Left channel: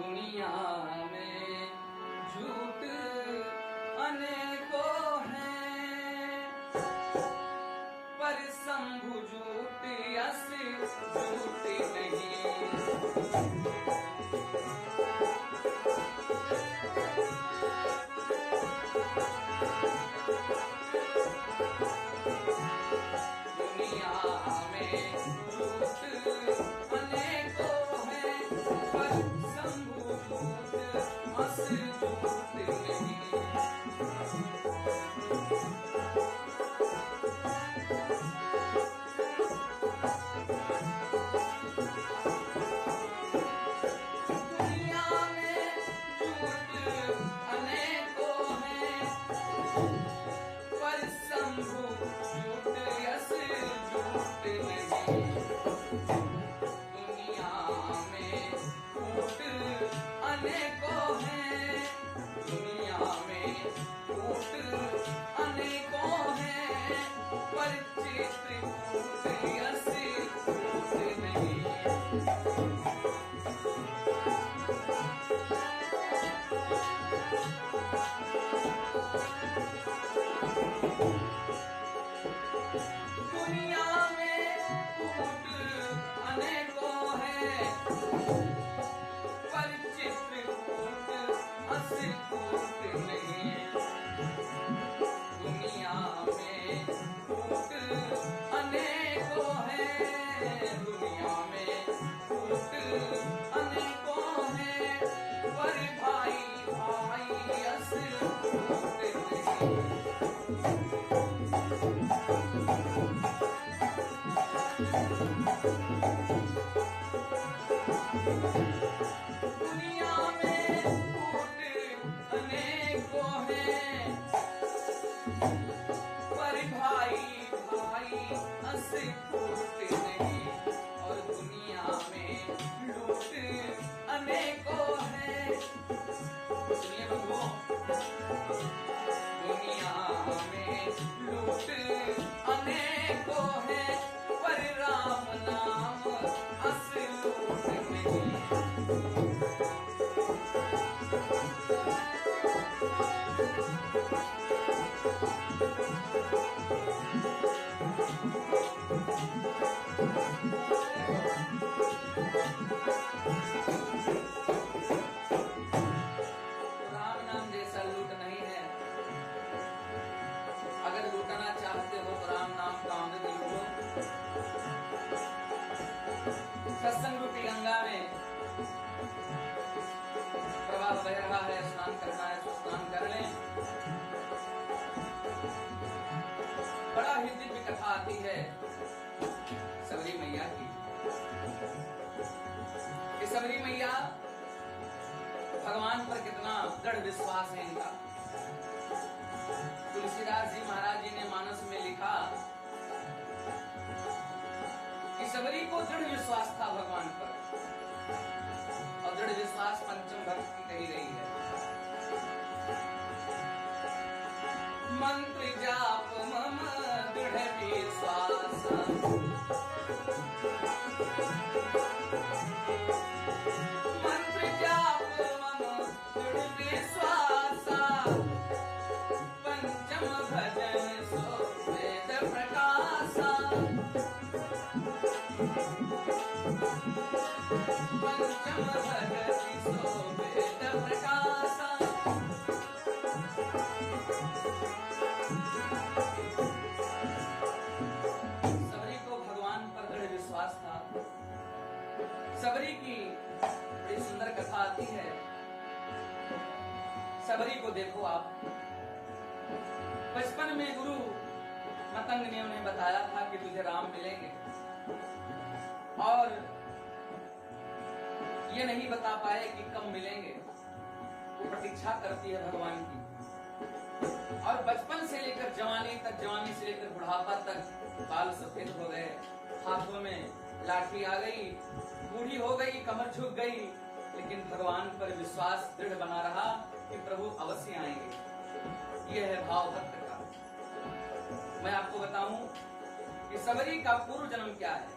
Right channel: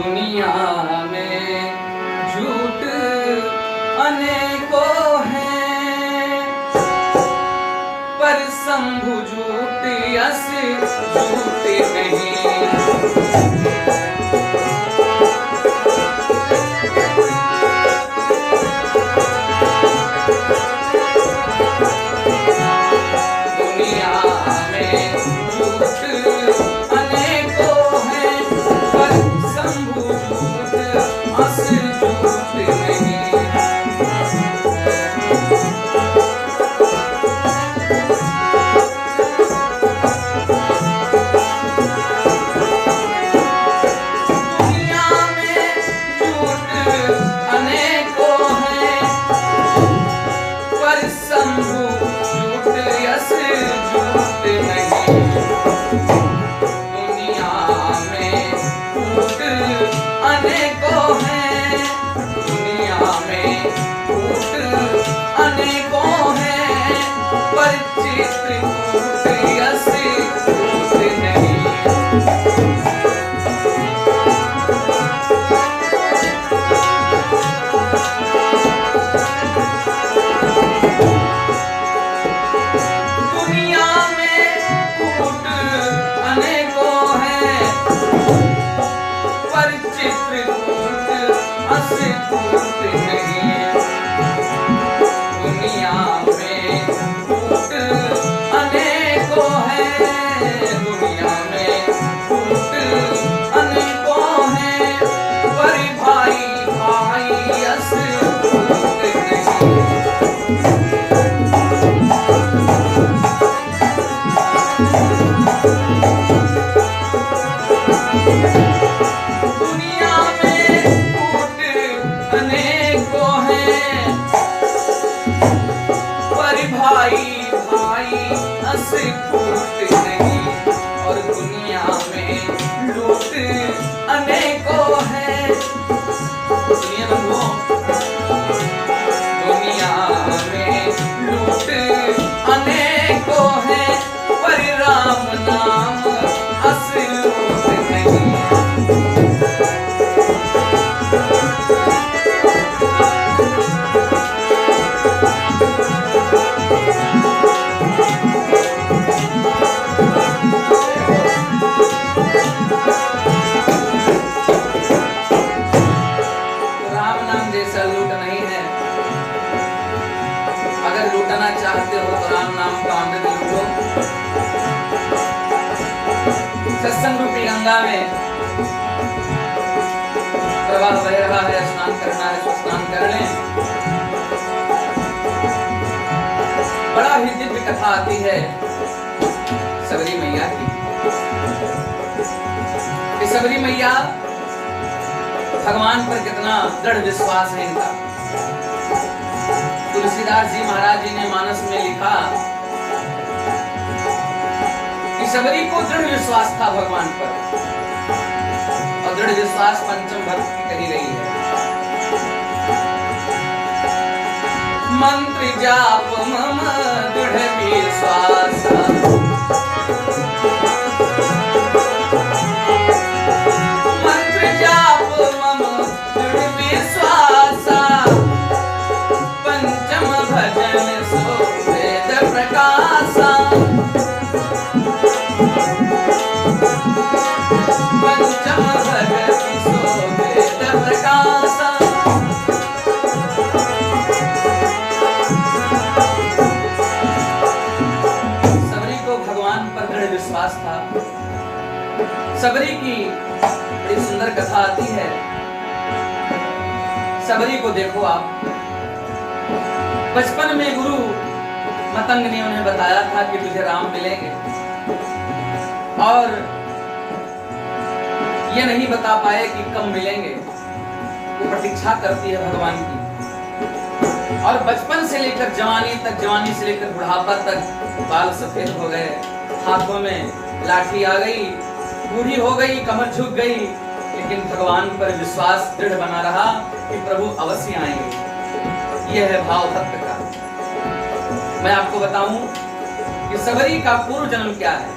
दुनिया में झूठ अनेकों हैं, पर शंभु झूठ यस झूठ नहीं। सत्संग रूपी गंगा में प्रवाह बह रहा है, स्नान करना है तो स्नान कर लें। बड़ा ही दिव्य कथा आती है सबरी मैया की। सबरी मैया भगवान पर कितना दृढ़ विश्वास है इनका। तुलसीदास जी महाराज जी ने मानस में लिखा सबरी को दृढ़ विश्वास था भगवान पर, और दृढ़ विश्वास पंचम भक्त की कही रही है। मंत्र जाप मम दृढ़ विश्वास, मंत्र जाप मम दृढ़ विश्वास, पंचम भजन सो वेद प्रकाश। सबरी की बड़ी सुंदर कथा आती है। सबरी को देखो आप, बचपन में गुरु मतंग ने उन्हें बताया था कि तुझे राम मिलेंगे, और ये नहीं बता पाए कि कब मिलेंगे। वो प्रतीक्षा करती है भगवान की, और बचपन से लेकर जवानी तक, जवानी से लेकर बुढ़ापा तक बाल सफेद हो गए, हाथों में लाठी आ गई, बूढ़ी हो गई, कमर झुक गई, लेकिन भगवान पर विश्वास दृढ़ बना रहा कि प्रभु अवश्य आएंगे। यह है भाव भक्त का। मैं आपको बताऊं कि सबरी का पूर्व जन्म क्या है,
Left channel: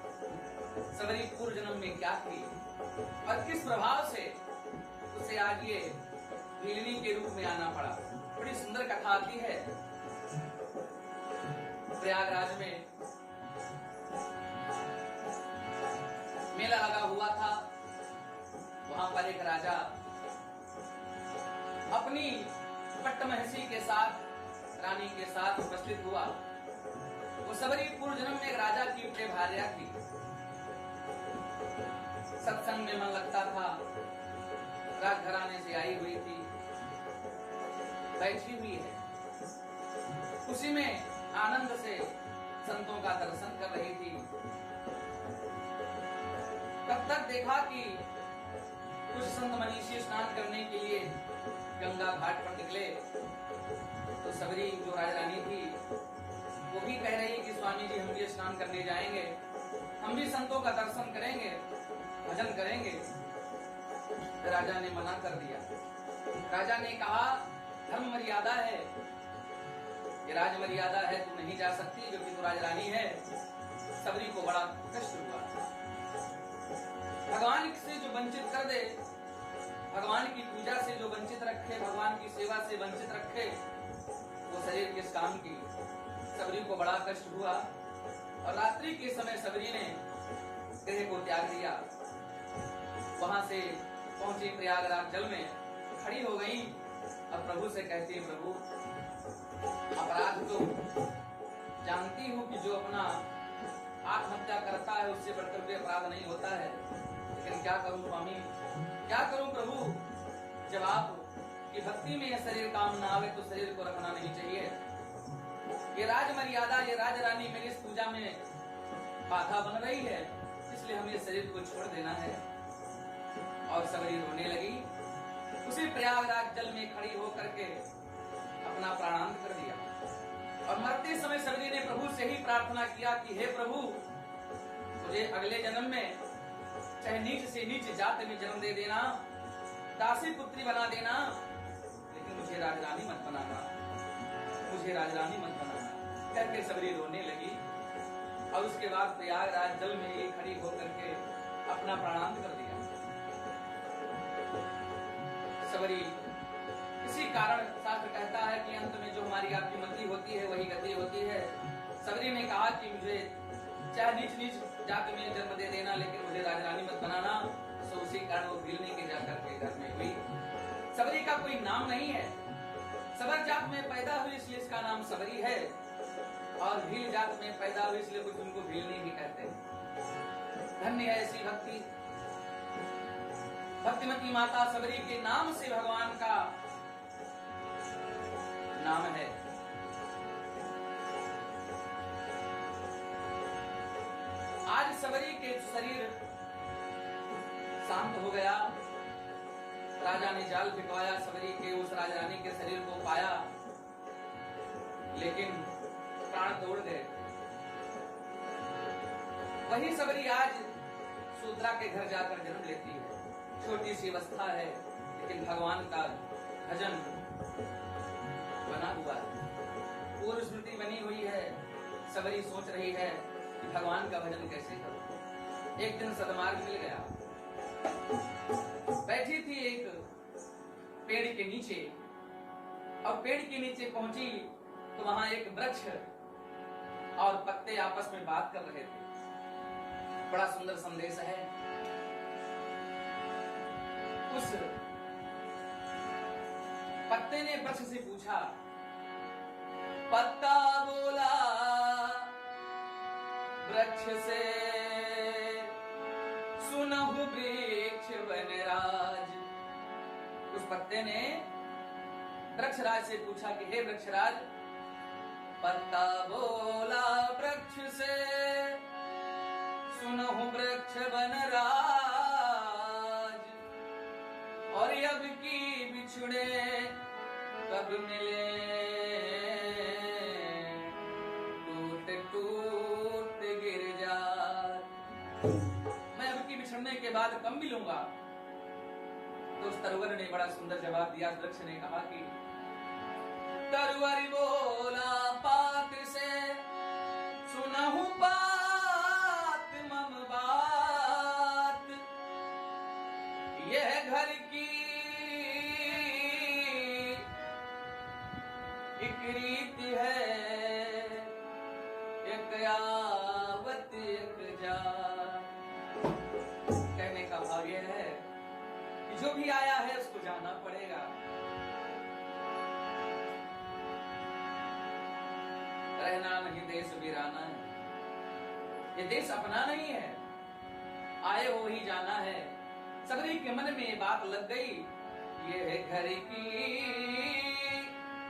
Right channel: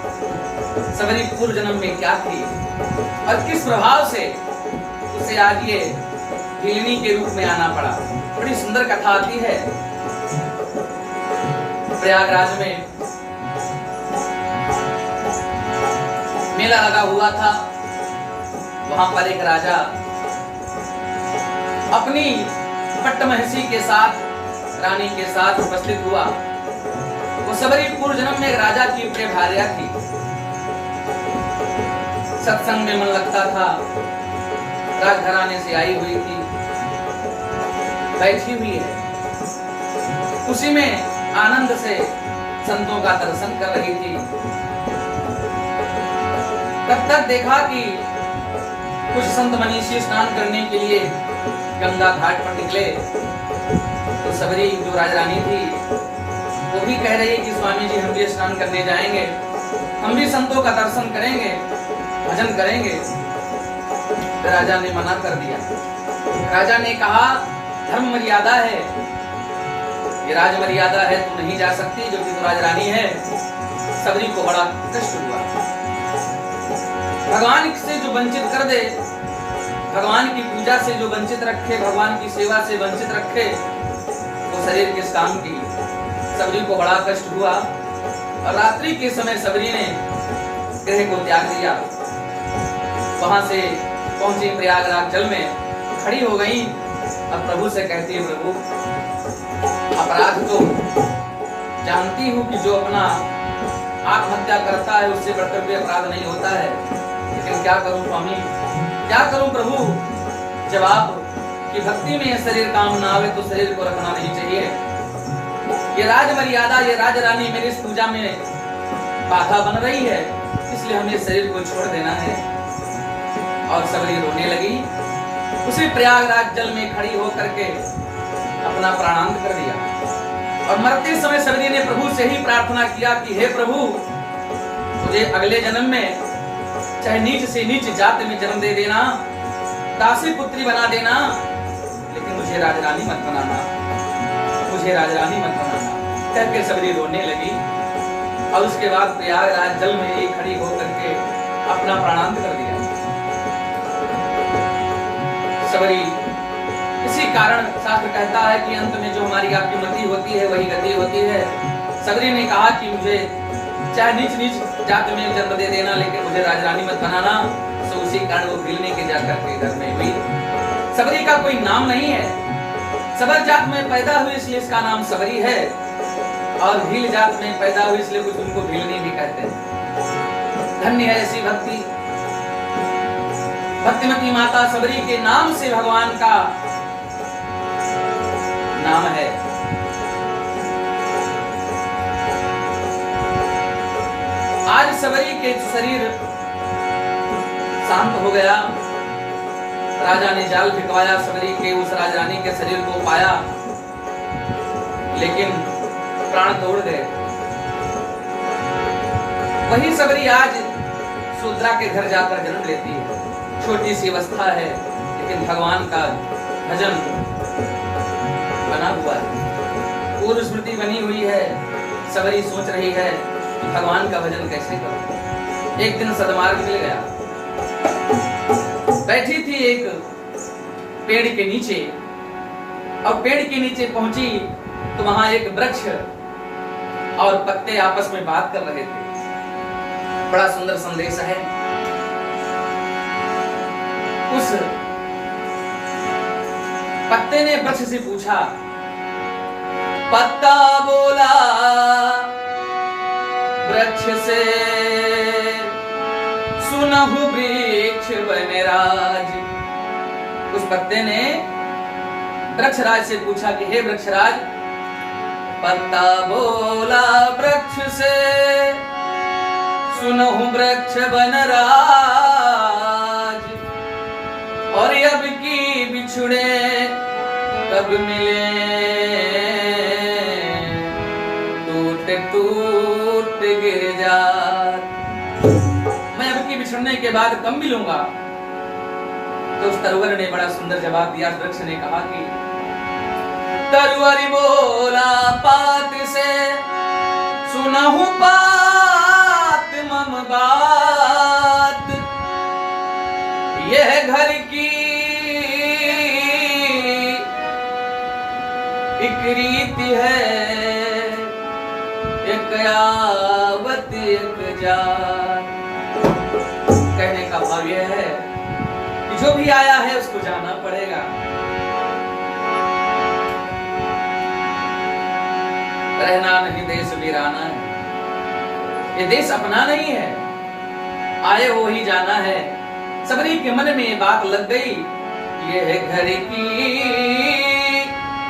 सबरी पूर्व जन्म में क्या थी, और किस प्रभाव से उसे आज ये हिलनी के रूप में आना पड़ा। बड़ी सुंदर कथा आती है। प्रयागराज में मेला लगा हुआ था। वहां पर एक राजा अपनी पट्टमहिषी के साथ, रानी के साथ उपस्थित हुआ। वो सबरी पूर्व जन्म में एक राजा की प्रिय भार्या थी। सत्संग में मन लगता था। राजघराने से आई हुई थी, बैठी हुई है, उसी में आनंद से संतों का दर्शन कर रही थी। तब तक देखा कि कुछ संत मनीषी स्नान करने के लिए गंगा घाट पर निकले। तो सबरी जो राजरानी थी वो भी कह रही कि स्वामी जी हम भी स्नान करने जाएंगे, हम भी संतों का दर्शन करेंगे, भजन करेंगे। राजा ने मना कर दिया। राजा ने कहा धर्म मर्यादा है, ये राज मर्यादा है, तू नहीं जा सकती, जो कि तू राजरानी है। सबरी को बड़ा कष्ट हुआ। भगवान से जो वंचित कर दे, भगवान की पूजा से जो वंचित रखे, भगवान की सेवा से वंचित रखे, वो शरीर किस काम की। सबरी को बड़ा कष्ट हुआ और रात्रि के समय सबरी ने गृह को त्याग दिया। वहां से पहुंची प्रयागराज जल में, खड़ी हो गई। अब प्रभु से कहती है प्रभु अपराध तो जानती हूँ कि जो अपना आत्महत्या करता है उससे बढ़कर भी अपराध नहीं होता है, लेकिन क्या करूं स्वामी, क्या करूं प्रभु। जब आप की भक्ति में यह शरीर काम ना आवे तो शरीर को रखना नहीं चाहिए। ये राज मर्यादा, ये राजरानी मेरी इस पूजा में बाधा बन रही है, इसलिए हमें शरीर को छोड़ देना है। और सबरी रोने लगी। उसी प्रयागराज जल में खड़ी होकर के अपना प्राणांत कर दिया। और मरते समय सबरी ने प्रभु से ही प्रार्थना किया कि हे प्रभु, मुझे अगले जन्म में चाहे नीच से नीच जाति में जन्म दे देना, दासी पुत्री बना देना, लेकिन मुझे राजरानी मत बनाना, मुझे राजरानी मत बनाना। कहकर सबरी रोने लगी। और उसके बाद प्रयागराज जल में ही खड़ी होकर के अपना प्राणांत कर दिया। सबरी इसी कारण शास्त्र कहता है कि अंत में जो हमारी आपकी मति होती है वही गति होती है। सबरी ने कहा कि मुझे चाहे नीच नीच जाति में जन्म दे देना, लेकिन मुझे राजरानी मत बनाना। तो उसी कारण वो भिलने के जाकर के घर में हुई। सबरी का कोई नाम नहीं है, सबर जात में पैदा हुई इसलिए इसका नाम सबरी है, और भील जात में पैदा हुई इसलिए कुछ उनको भीलनी भी कहते हैं। धन्य है ऐसी भक्ति। भक्तिमती माता सबरी के नाम से भगवान का नाम है। आज सबरी के शरीर शांत हो गया। राजा ने जाल फिकवाया, सबरी के उस राजरानी के शरीर को पाया, लेकिन प्राण तोड़ गए। वही सबरी आज शूद्रा के घर जाकर जन्म लेती है। छोटी सी अवस्था है, लेकिन भगवान का भजन बना हुआ है, पूर्व स्मृति बनी हुई है। सबरी सोच रही है कि भगवान का भजन कैसे करूं। एक दिन सदमार्ग मिल गया। बैठी थी एक पेड़ के नीचे, और पेड़ के नीचे पहुंची तो वहां एक वृक्ष और पत्ते आपस में बात कर रहे थे। बड़ा सुंदर संदेश है। उस पत्ते ने वृक्ष से पूछा, पत्ता बोला वृक्ष से, सुनहु वृक्ष वनराज। उस पत्ते ने वृक्षराज से पूछा कि हे वृक्षराज, पत्ता बोला वृक्ष से, सुनहु वृक्ष वनराज, और अब की बिछुड़े कब मिले, टूट टूट गिर जा। मैं अब की बिछड़ने के बाद कब मिलूंगा? तो उस तरुवर ने बड़ा सुंदर जवाब दिया। वृक्ष ने कहा कि तरुवर बोला पात से, सुनहु पात मम बात, यह घर की एक रीति है, एक आवत एक जात। कहने का भाव यह है कि जो भी आया है उसको जाना पड़ेगा। रहना नहीं देश वीराना है, ये देश अपना नहीं है, आए हो ही जाना है। सबरी के मन में ये बात लग गई, ये है घर की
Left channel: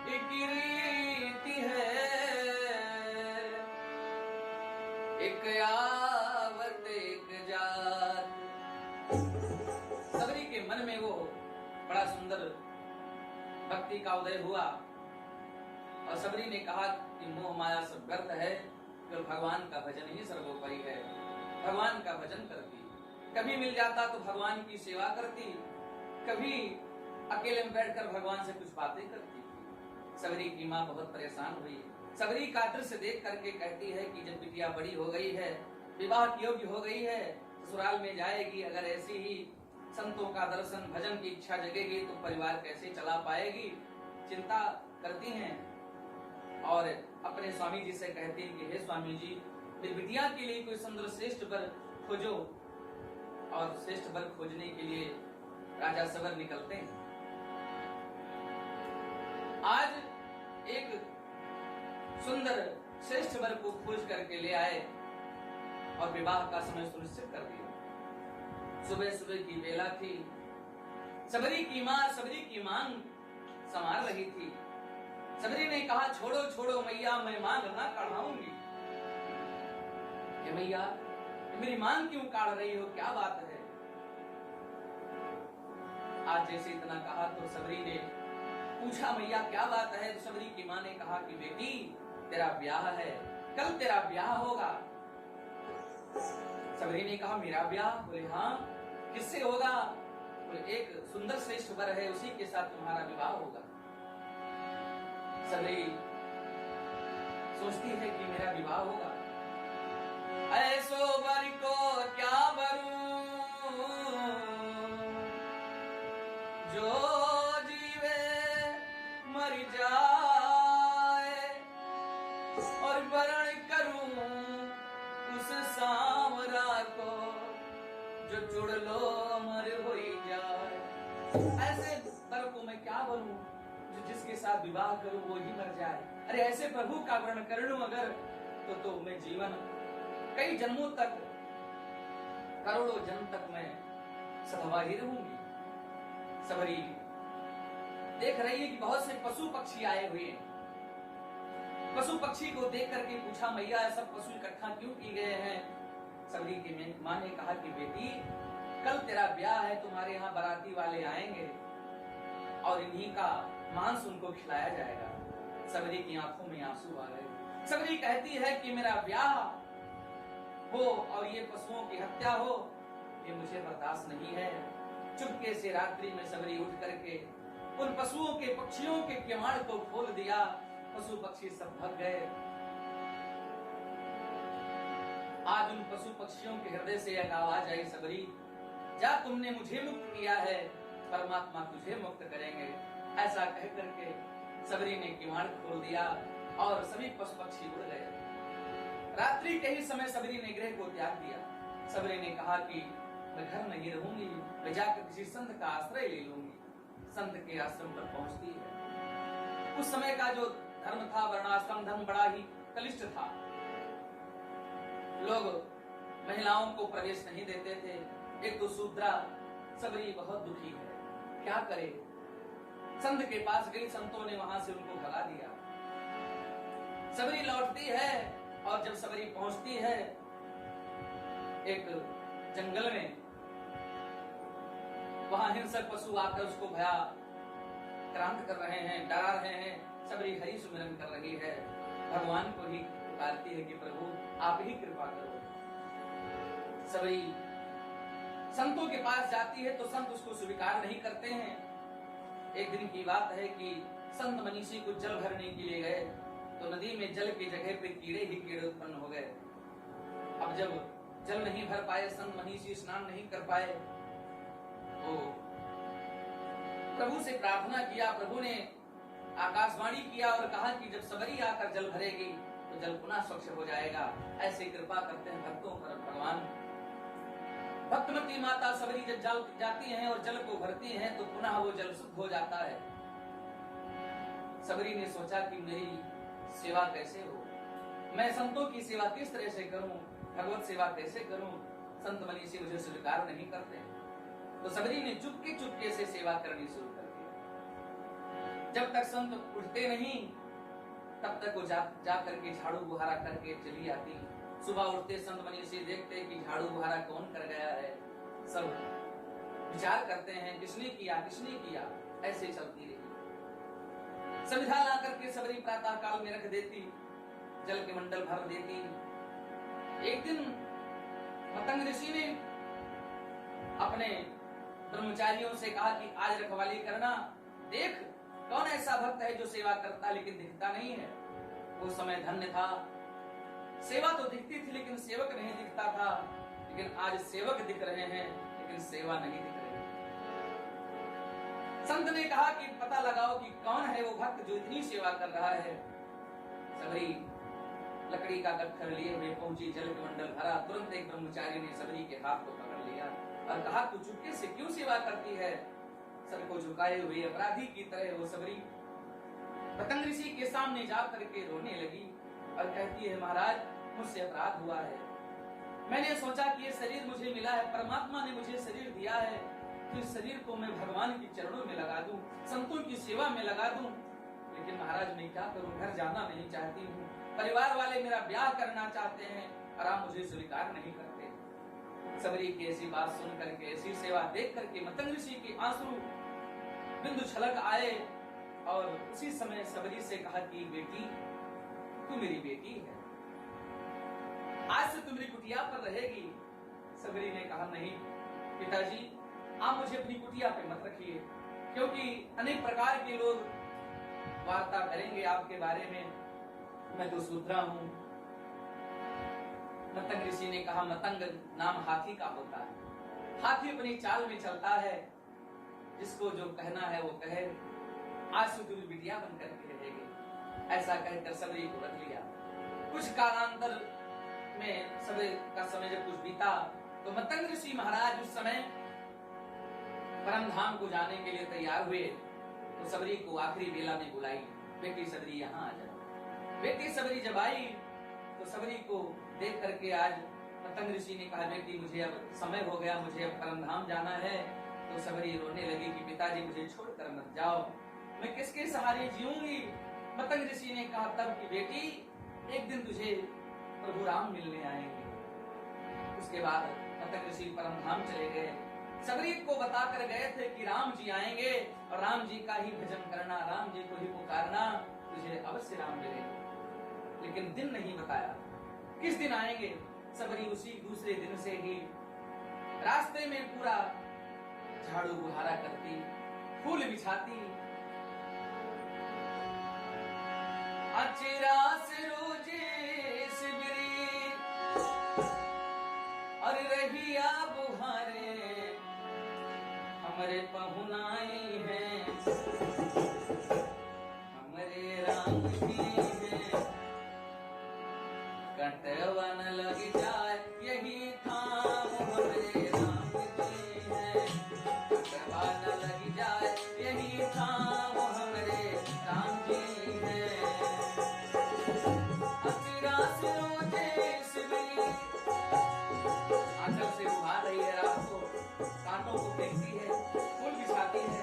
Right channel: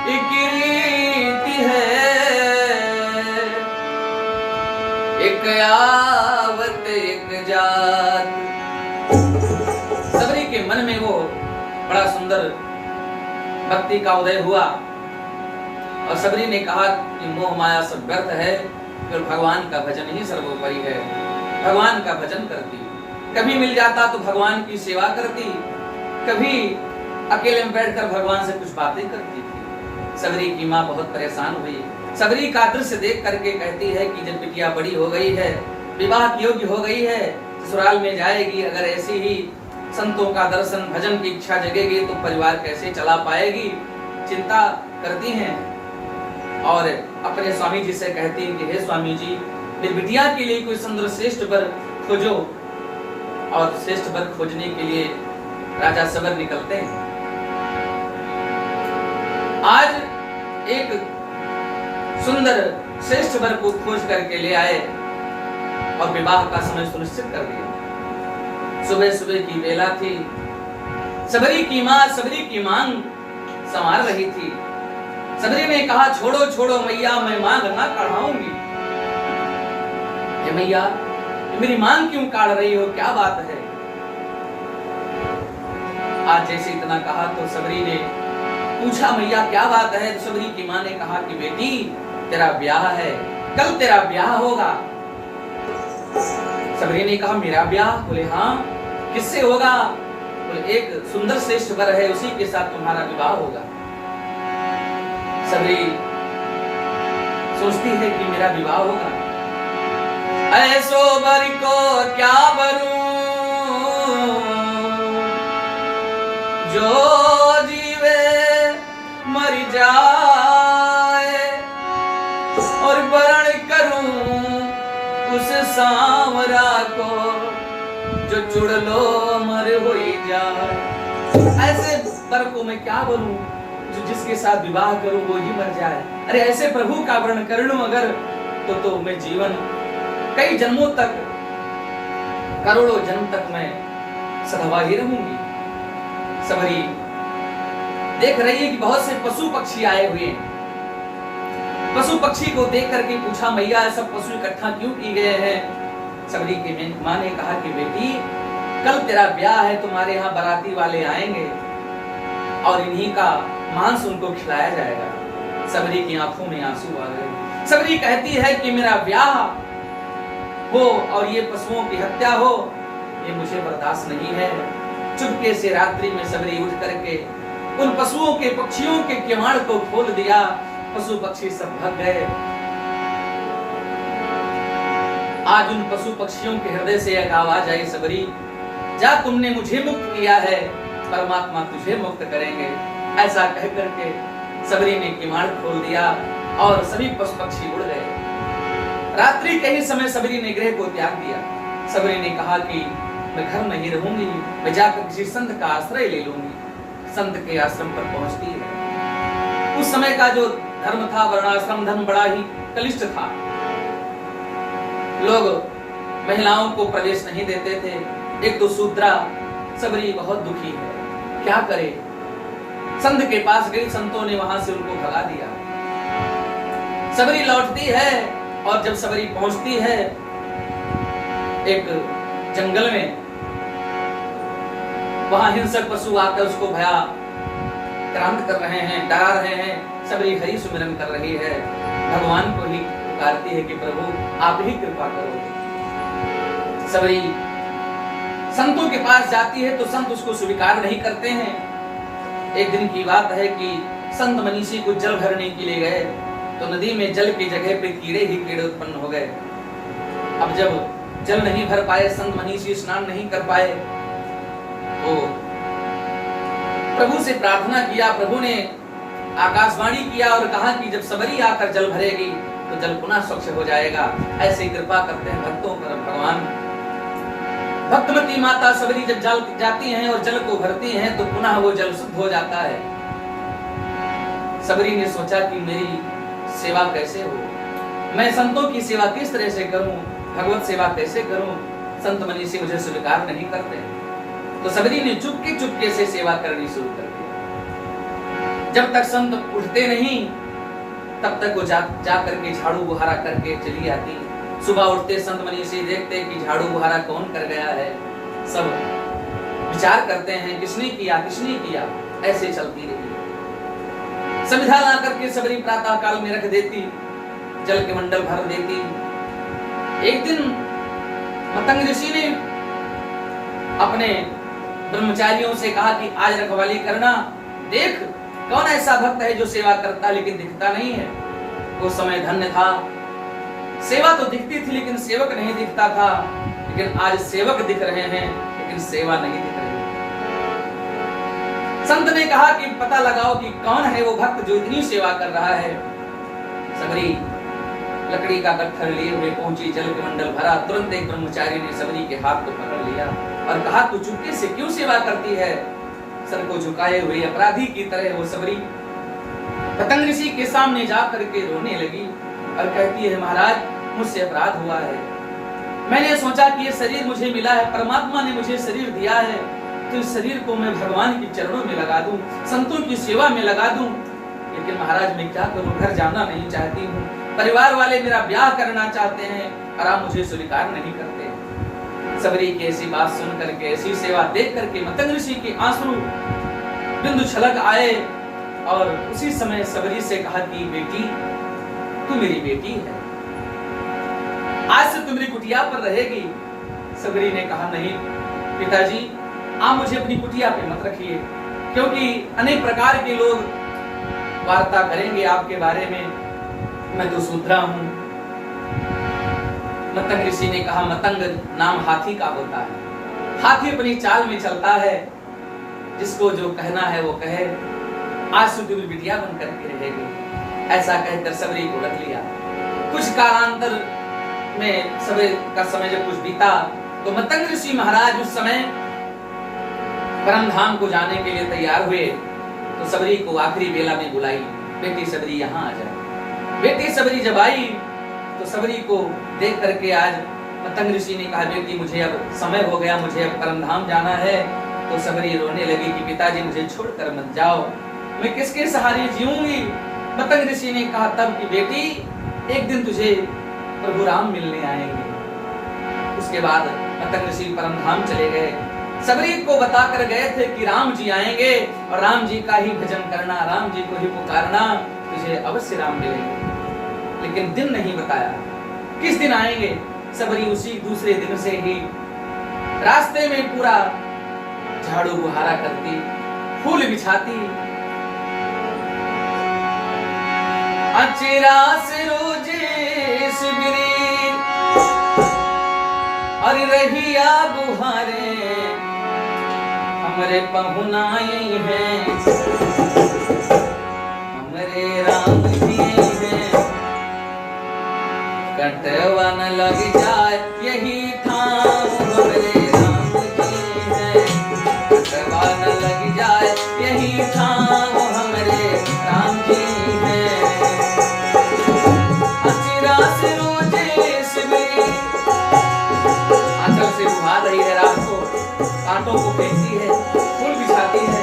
एक रीति है, एक आवत एक जात। सबरी के मन में वो बड़ा सुंदर भक्ति का उदय हुआ और सबरी ने कहा कि मोह माया सब व्यर्थ है, फिर भगवान का भजन ही सर्वोपरि है। भगवान का भजन करती, कभी मिल जाता तो भगवान की सेवा करती, कभी अकेले में बैठकर भगवान से कुछ बातें करती थी। सबरी की माँ बहुत परेशान हुई। सबरी का दृश्य देख करके कहती है कि जब बिटिया बड़ी हो गई है, विवाह योग्य हो गई है, ससुराल में जाएगी, अगर ऐसी ही संतों का दर्शन भजन की इच्छा जगेगी तो परिवार कैसे चला पाएगी, चिंता करती हैं। और अपने स्वामी जी से कहती हैं कि हे स्वामी जी, मेरी बिटिया के लिए कोई सुंदर श्रेष्ठ वर खोजो। और श्रेष्ठ वर खोजने के लिए राजा सबर निकलते हैं। आज एक सुंदर श्रेष्ठ वर को खोज करके ले आए और विवाह का समय सुनिश्चित कर दिया। सुबह सुबह की बेला थी, सबरी की मां सबरी की मांग संवार रही थी। सबरी ने कहा, छोड़ो छोड़ो मैया, मैं मांग ना काढ़ाऊंगी। मैया, मेरी मांग क्यों काढ़ रही हो, क्या बात है? आज जैसे इतना कहा तो सबरी ने पूछा, मैया क्या बात है? तो सबरी की मां ने कहा कि बेटी, तेरा ब्याह है, कल तेरा ब्याह होगा। सबरी ने कहा, मेरा ब्याह? बोले हाँ। किससे होगा? बोले एक सुंदर श्रेष्ठ वर है, उसी के साथ तुम्हारा विवाह होगा। सबरी सोचती है कि मेरा विवाह होगा, ऐसो वर को क्या बरूं, जो जीवे मर जाए, और वरण करूं उस सांवरा को, जो चुड़लो मर होई जाए। ऐसे वर को मैं क्या बोलूं जो जिसके साथ विवाह करूं वो ही मर जाए। अरे ऐसे प्रभु का वर्ण कर लूं अगर तो मैं जीवन कई जन्मों तक, करोड़ों जन्म तक मैं सधवा ही रहूंगी। सबरी देख रही है कि बहुत से पशु पक्षी आए हुए हैं। पशु पक्षी को देख करके पूछा, मैया सब पशु इकट्ठा क्यों किए गए हैं? सबरी की मां ने कहा कि बेटी, कल तेरा ब्याह है, तुम्हारे यहाँ बाराती वाले आएंगे और इन्हीं का मांस उनको खिलाया जाएगा। सबरी की आंखों में आंसू आ गए। सबरी कहती है कि मेरा ब्याह हो और ये पशुओं की हत्या हो, ये मुझे बर्दाश्त नहीं है। चुपके से रात्रि में सबरी उठ करके उन पशुओं के पक्षियों के किवाड़ को खोल दिया। पशु पक्षी सब भाग गए। आज उन पशु पक्षियों के हृदय से एक आवाज आई, सबरी जा, तुमने मुझे मुक्त किया है, परमात्मा तुझे मुक्त करेंगे। ऐसा कह करके सबरी ने किवाड़ खोल दिया और सभी पशु पक्षी उड़ गए। रात्रि के ही समय सबरी ने गृह को त्याग दिया। सबरी ने कहा कि मैं घर नहीं रहूंगी, मैं जाकर किसी संत का आश्रय ले लूंगी। संत के आश्रम पर पहुंचती है। उस समय का जो धर्म था, वर्णाश्रम धर्म बड़ा ही कलिष्ठ था। लोग महिलाओं को प्रवेश नहीं देते थे। एक तो शूद्रा। सबरी बहुत दुखी है, क्या करे? संत के पास गई, संतों ने वहां से उनको भगा दिया। सबरी लौटती है और जब सबरी पहुंचती है एक जंगल में, वहां हिंसक पशु आकर उसको भयाक्रांत कर रहे हैं, डरा रहे हैं। सबरी हरि सुमिरन कर रही है, भगवान को ही पुकारती है कि प्रभु आप ही कृपा करो। सबरी संतों के पास जाती है तो संत उसको स्वीकार नहीं करते हैं। एक दिन की बात है कि संत मनीषी को जल भरने के लिए गए तो नदी में जल की जगह पे कीड़े ही कीड़े उत्पन्न हो गए। अब जब जल नहीं भर पाए, संत मनीषी स्नान नहीं कर पाए, तो प्रभु से प्रार्थना किया। प्रभु ने आकाशवाणी किया और कहा कि जब सबरी आकर जल भरेगी तो जल पुनः स्वच्छ हो जाएगा। ऐसे कृपा करते हैं भक्तों पर भगवान। भक्तमती माता सबरी जब जल जाती हैं और जल को भरती हैं तो पुनः वो जल शुद्ध हो जाता है। सबरी ने सोचा कि मेरी सेवा कैसे हो, मैं संतों की सेवा किस तरह से करूं, भगवत सेवा कैसे करूं, संत मनीषी मुझे स्वीकार नहीं करते। तो सबरी ने चुपके चुपके से सेवा करनी शुरू कर दी। जब तक संत उठते नहीं तब तक वो जा करके झाड़ू बुहारा करके चली आती। सुबह उठते संत मनीषी देखते कि झाड़ू बुहारा कौन कर गया है, सब विचार करते हैं किसने किया किसने किया। ऐसे चलती रही। संविधा ला करके सबरी प्रातः काल में रख देती, जल के मंडल भर देती। एक दिन मतंग ऋषि ने अपने ब्रह्मचारियों से कहा कि आज रखवाली करना, देख कौन ऐसा भक्त है जो सेवा करता लेकिन दिखता नहीं है। वो समय धन्य था, सेवा तो दिखती थी लेकिन सेवक नहीं दिखता था। लेकिन आज सेवक दिख रहे हैं लेकिन सेवा नहीं दिख रही। संत ने कहा कि पता लगाओ कि कौन है वो भक्त जो इतनी सेवा कर रहा है। सबरी लकड़ी का गट्ठर लिए हुए पहुंची, जल के मंडल भरा। तुरंत एक ब्रह्मचारी ने सबरी के हाथ को पकड़ लिया और कहा तू चुपके से क्यों सेवा करती है। सर को झुकाए हुए अपराधी की तरह वो सबरी पतंग ऋषि के सामने जा करके रोने लगी और कहती है महाराज मुझसे अपराध हुआ है। मैंने सोचा कि ये शरीर मुझे मिला है, परमात्मा ने मुझे शरीर दिया है, तो इस शरीर को मैं भगवान के चरणों में लगा दूं, संतों की सेवा में लगा दूं। लेकिन महाराज मैं क्या करूं, घर जाना नहीं चाहती हूँ, परिवार वाले मेरा ब्याह करना चाहते हैं और आप मुझे स्वीकार नहीं करते। सबरी की ऐसी बात सुन करके, ऐसी सेवा देख करके मतंग ऋषि के आंसू बिंदु छलक आए और उसी समय सबरी से कहा कि बेटी तू मेरी बेटी है, आज से तू मेरी कुटिया पर रहेगी। सबरी ने कहा नहीं पिताजी आप मुझे अपनी कुटिया पे मत रखिए, क्योंकि अनेक प्रकार के लोग वार्ता करेंगे आपके बारे में, मैं तो शूद्रा हूं। मतंग ऋषि ने कहा मतंग नाम हाथी का होता है, हाथी अपनी चाल में चलता है, जिसको जो कहना है वो कहे, आज से तू बिटिया बन करके रहेगी। ऐसा कहकर सबरी को रख लिया। कुछ कालांतर में सबरी का समय जब कुछ बीता तो मतंग ऋषि महाराज उस समय परम धाम को जाने के लिए तैयार हुए। तो सबरी को आखिरी बेला में बुलाई, बेटी सबरी यहाँ आ जाए। बेटी सबरी जब आई तो सबरी को देख करके आज मतंग ऋषि ने कहा बेटी मुझे अब समय हो गया, मुझे अब परम धाम जाना है। तो सबरी रोने लगी कि पिताजी मुझे छोड़कर मत जाओ, मैं किसके सहारे जीऊंगी। मतंग ऋषि ने कहा तब कि बेटी एक दिन तुझे प्रभु राम मिलने आएंगे। उसके बाद मतंग ऋषि परम धाम चले गए। सबरी को बताकर गए थे कि राम जी आएंगे और राम जी का ही भजन करना, राम जी को ही पुकारना, तुझे अवश्य राम मिलेंगे। लेकिन दिन नहीं बताया किस दिन आएंगे। सबरी उसी दूसरे दिन से ही रास्ते में पूरा झाड़ू बुहारा करती, फूल बिछाती, अचरा से रोजे शिबिरी और रहिया बुहारे हमरे पहुनाए हैं, हमरे राम जी हैं। कटवा न लग जाए यही ठाम हमरे राम जी हैं, कटवा न लग जाए यही ठाम हमरे राम जी हैं। अचिरा से रोजे शिबिरी, आंचल से बुहा रही है रात को, कांटों को फेंकती है, फूल बिछाती है।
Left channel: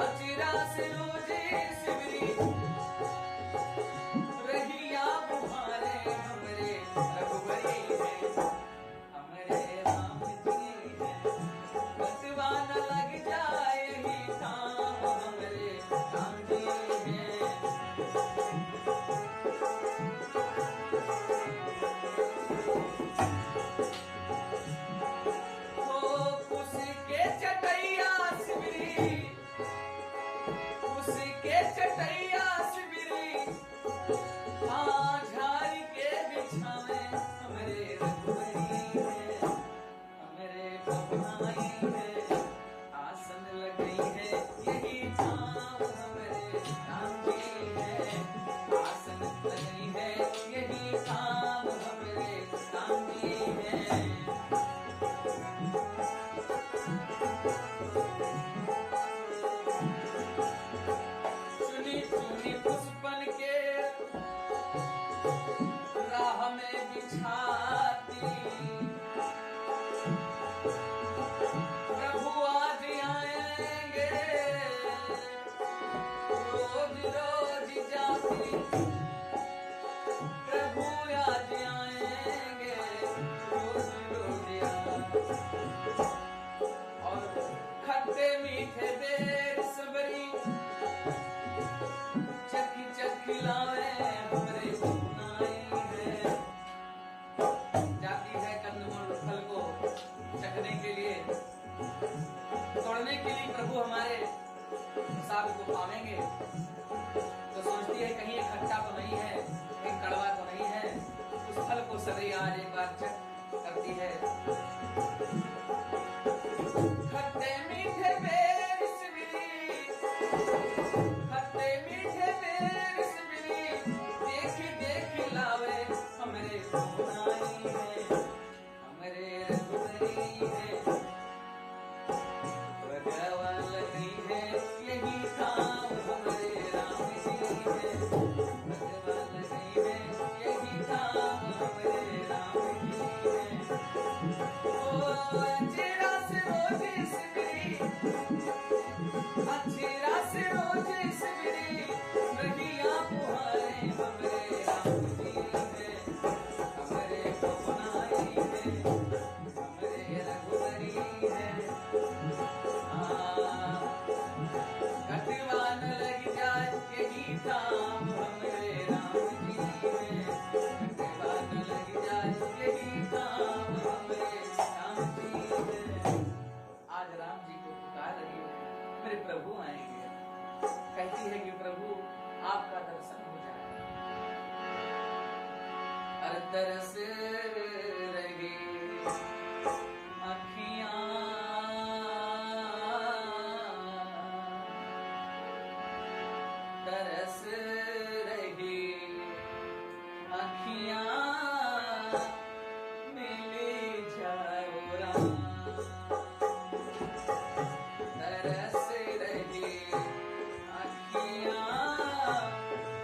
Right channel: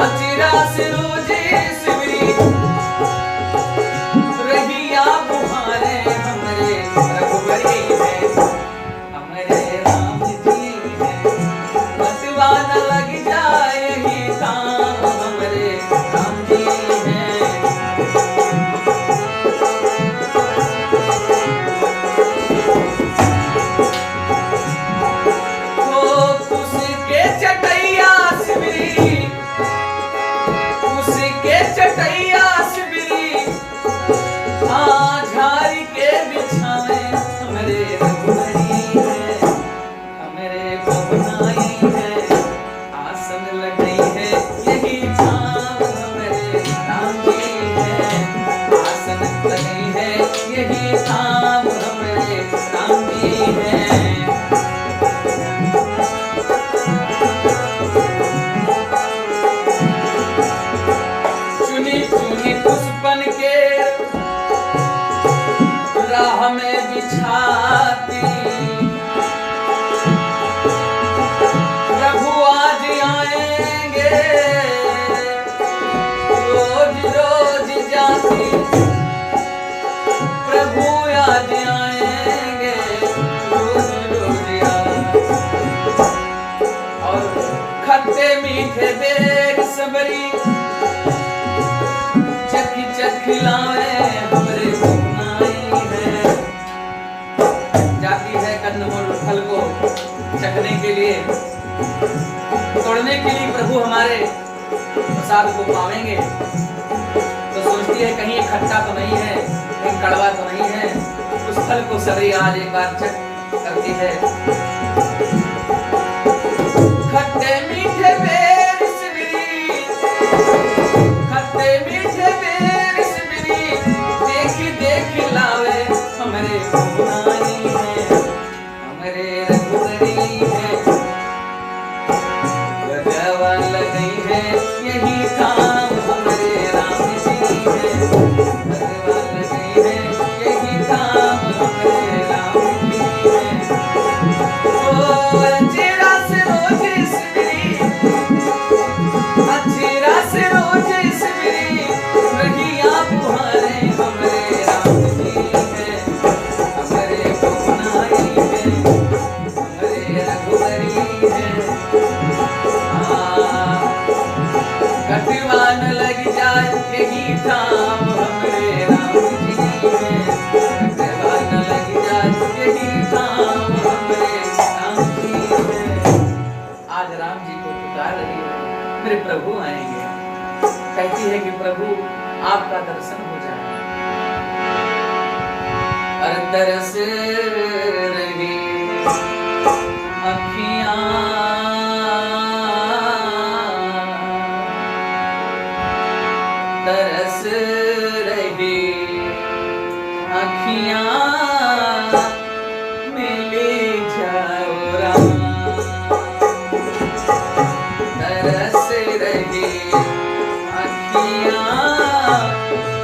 अचिरा से रोजे शिबिरी रहिया बुहारे हमरे रघुबरी हैं, हमरे राम जी हैं। बतवा न लग जाए ही काम हमरे राम जी हैं। उसके चटैया शिबिरी, उसके चटैया शिबिरी, झाड़ी के बिछावे हमरे रघुबरी हैं, हमरे पवनाई हैं। आसन लग गई है मीठे बेर सबरी चखी चखी लावे हमरे घुमाई है। जाती है कंदमूल फल को चखने के लिए, तोड़ने के लिए प्रभु हमारे प्रसाद को पावेंगे तो सोचती है कहीं खट्टा तो नहीं है, कहीं कड़वा तो नहीं है। उस फल को सबरी आज एक बार चख करती है। खट्टे मीठे बेर सबरी, खट्टे मीठे बेर सबरी देखी देखी लावे हमरे घुमाई है, हमरे रघुवरी है। गजवा लगी है यही काम हमरे राम जी है, गजवा लगी है यही काम हमरे राम जी है। ओ अचेरा से रोज सबरी, अचेरा से रोज सबरी रहिया बुहारे हमरे राम जी है, हमरे घुमाई है, हमरे रघुवरी है। कटवान लग जाए यही काम हमरे राम जी है, कटवान लग जाए यही काम हमरे राम जी है। आज राम जी को पुकार रही है, मेरे प्रभु आएंगे। कहती है कि प्रभु आपका दर्शन हो जाए। और तरस रही अखियां, तरस रही अखियां मिली जाओ राम, तरस रही अखियां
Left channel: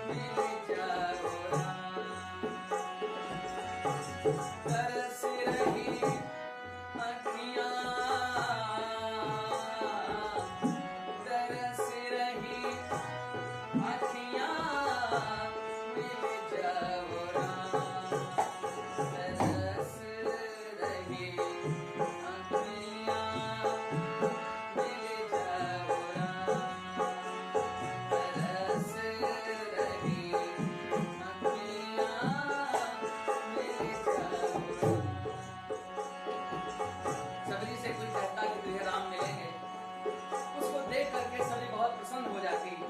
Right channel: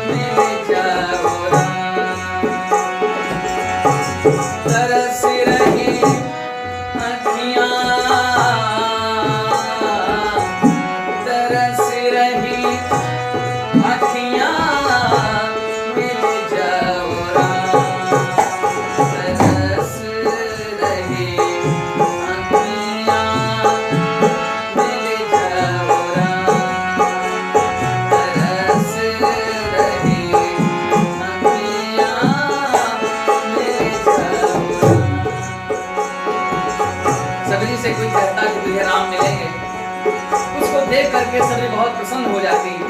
मिली जाओ राम, तरस रही अखियां, तरस रही अखियां मिल जाओ राम, तरस रही अखियां मिल जाओ राम, तरस रही अखियां मिल जाओ राम। सबरी से कोई कहता कि तुझे राम मिलेंगे, उसको देख करके सबरी बहुत प्रसन्न हो जाती है।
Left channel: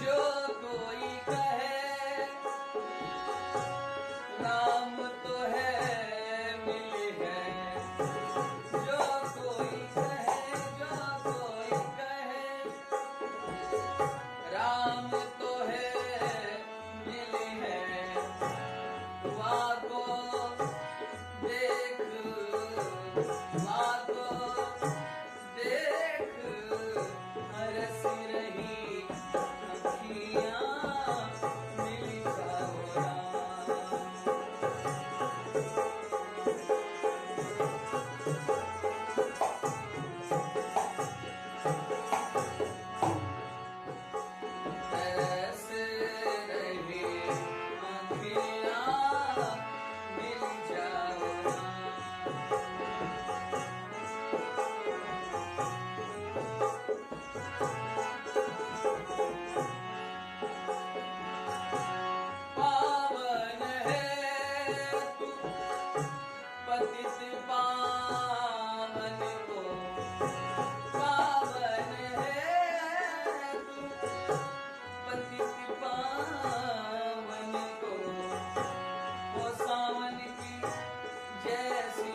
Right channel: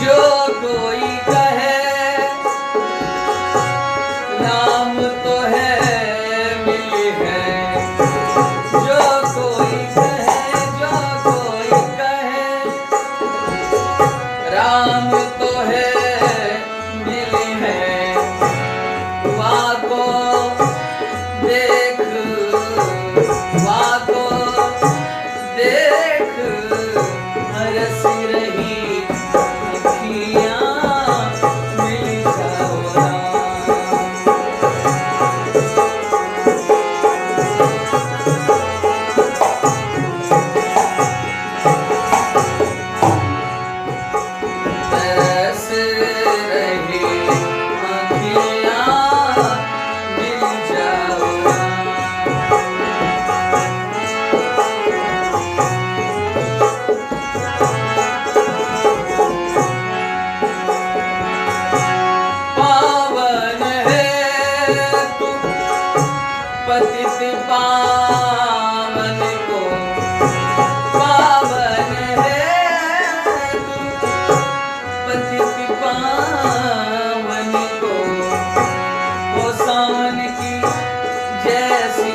जो कोई कहे राम तो है मिली है, जो कोई कहे, जो कोई कहे राम तो है मिली है, वाको देख, वाको देख हरस रही अखियां मिल जाओ राम। तरस रही अखियां मिल जाओ राम। पावन है तू पतित पावन को, पावन है तू पतित पावन को, वो सावन की जैसी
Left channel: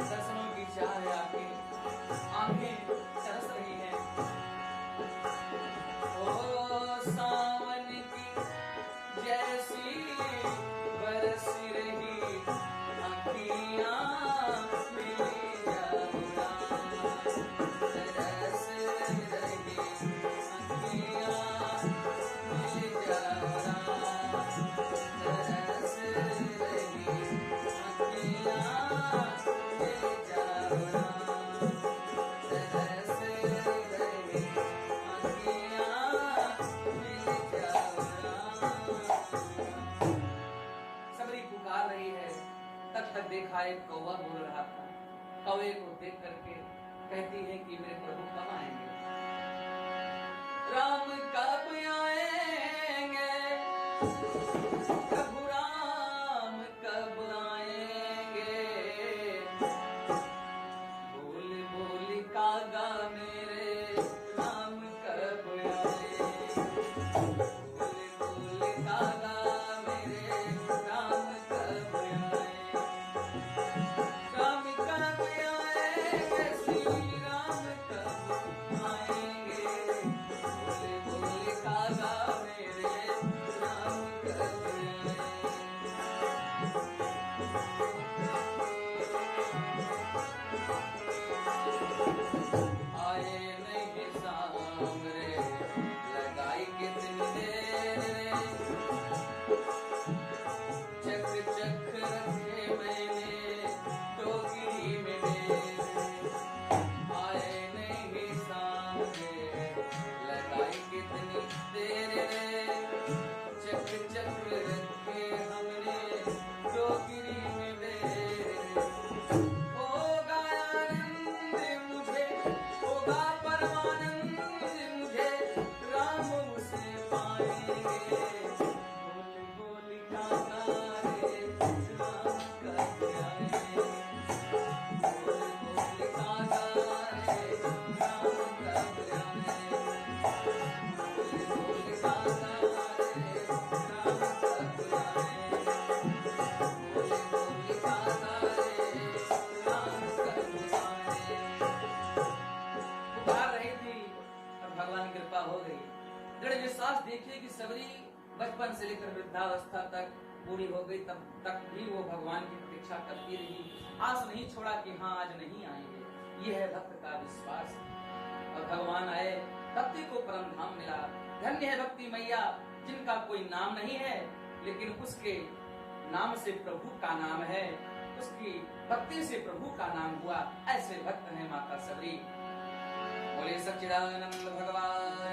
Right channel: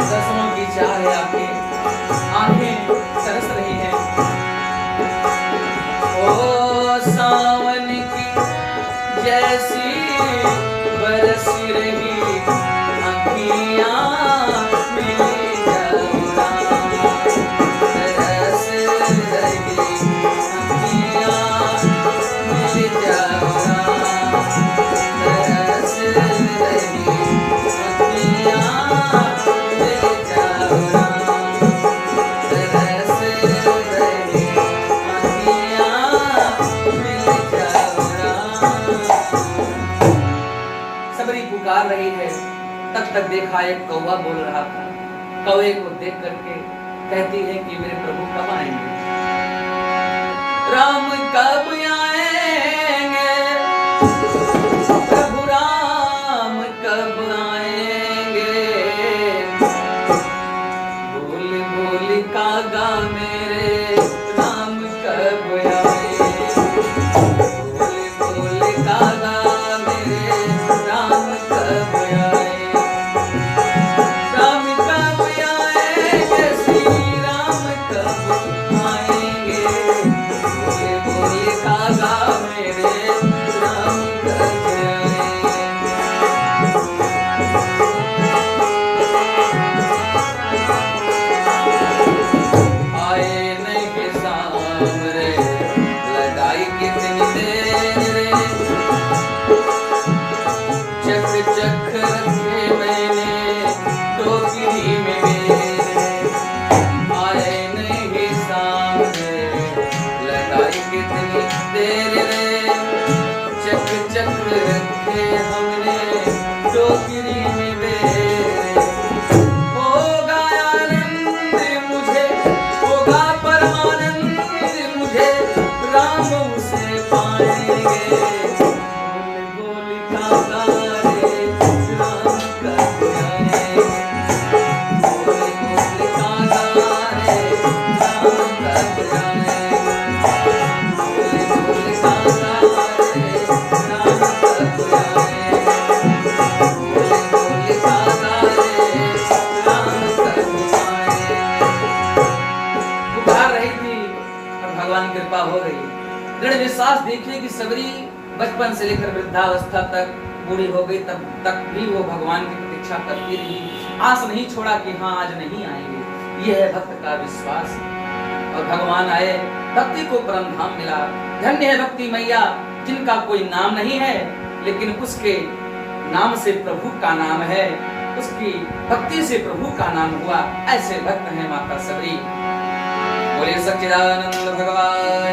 दसों की चाह आपकी आंखें तरस रही हैं। ओ सावन की जैसी बरस रही अखियां मिल जाओ राम, तरस रही अखियां मिल जाओ राम, तरस रही अखियां मिल जाओ राम, तरस रही अखियां मिल जाओ राम। सबरी पुकार रही है, तब तक देखा एक कौवा बोल रहा था, कौवे को देख करके कहती है कि मेरे प्रभु कब आएंगे, राम कब आएंगे, प्रभु राम कब आएंगे। बोल बोल कागा मेरे राम कब आएंगे, बोल बोल कागा मेरे राम कब आएंगे, राम कब आएंगे, श्री राम कब आएंगे। बोले बोले कागा मेरे राम कब आएंगे। आए नहीं सामने लगाई कितनी देर रे, चक चक रखे मैंने टोकरी में मेरे। आए नहीं सामने लगाई कितनी देर रे, चक चक रखे हमने टोकरी में मेरे। होगा आनंद मुझे, होगा परमानंद मुझे, राम उसे पाएंगे। बोल बोल कागा रे राम कब आएंगे, बोल बोल कागा रे राम कब आएंगे, बोल बोल कागा रे राम कब आएंगे, बोल बोल कागा रे राम कब आएंगे। पुकार रही थी और भगवान की कृपा हो गई। दृढ़ विश्वास देखिए कि सबरी बचपन से लेकर वृद्धावस्था तक बूढ़ी हो गई, तब तक भी वो भगवान की प्रतीक्षा करती रही, आस नहीं छोड़ा कि हाँ आज नहीं आएंगे। यह है भक्त का विश्वास। और भगवान आए, भक्ति को परम धाम मिला। धन्य है भक्ति मैया जिनका कोई नाम नहीं है, लेकिन उसके नाम से प्रभु का नाम है, उसकी भक्ति से प्रभु का नाम हुआ। ऐसे भक्त हैं माता सबरी। बोले सच्चिदानंद भगवान